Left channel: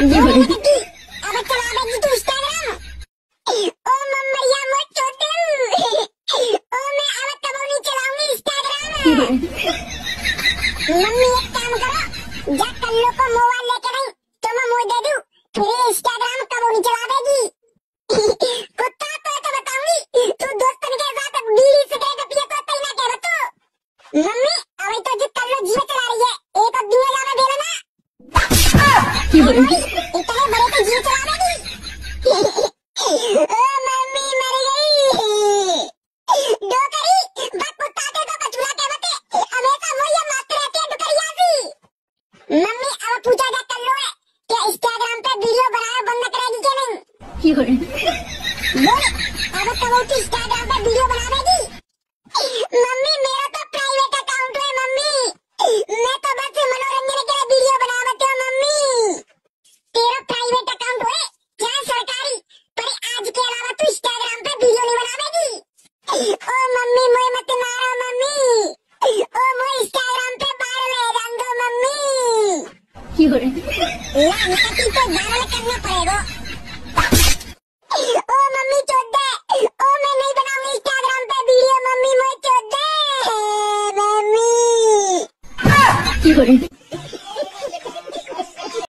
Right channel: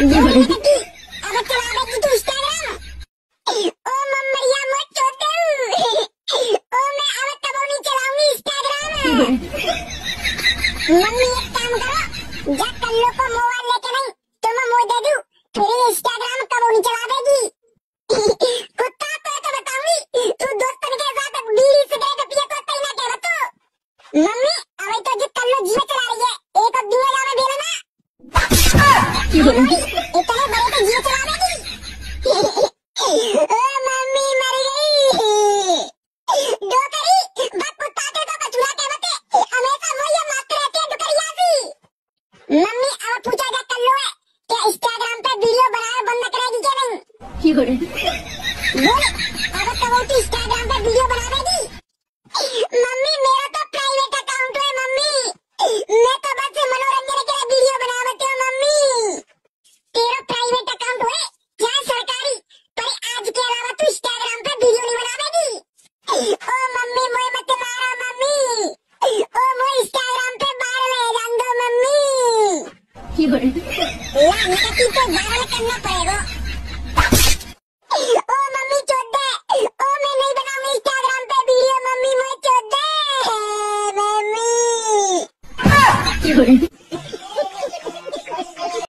अब चला देगी तू इंस्टाग्राम। ओ मम्मैया मत छोटे ओ मैं अब कबो नहीं चलाऊंगी इंस्टाग्राम। मम्मी एक काम करो, जा कल्लो को मोबाइल लेके नहीं तो मैं मोड़ दे दूं, फिर इंस्टाग्राम कबो नहीं चला देगी। कुत्ता तो बताऊंगी तू दोस्तन के साथ बीड़ी सिगरेट पिए तो तई ना कह तो। मम्मी अब तो जो कल्लो जीवे चला रही है, एक और दुनिया जाने दे ना। इतने बड़े तो जीवे चला देगी। ओ मम्मी मर गई। दो करी बात कुत्ता के तो कचूरा के बते हमेशा वो ये मस्त रहती है दुकरिया सी। मम्मी अब पूछा जा कल्लो है कि इंस्टाग्राम पे वीडियो बनाना बंद करेगी क्या नहीं। बोल अब तो वो इंस्टाग्राम पे वीडियो बना देगी। मम्मी मेरा तो प्राइवेट अकाउंट है मम्मी, मैं तो बस मनोरंजन के लिए वीडियो बनावत हूँ मम्मी। तेरा प्राइवेट अकाउंट होए चाहे सरकारी, पर आज के अलावा तू इंस्टाग्राम पे वीडियो नहीं बनावेगी। ओ मम्मी मुझे मत मारो मम्मी, ओ वो इंस्टाग्राम पे बाहर ले जान दो मम्मी। लाने की तो जाना करना पड़ेगा। ओ मम्मी चोद दे, ओ मैं नहीं बनाऊंगी इंस्टाग्राम पे वीडियो मम्मी, मुझे चोद दे मम्मी।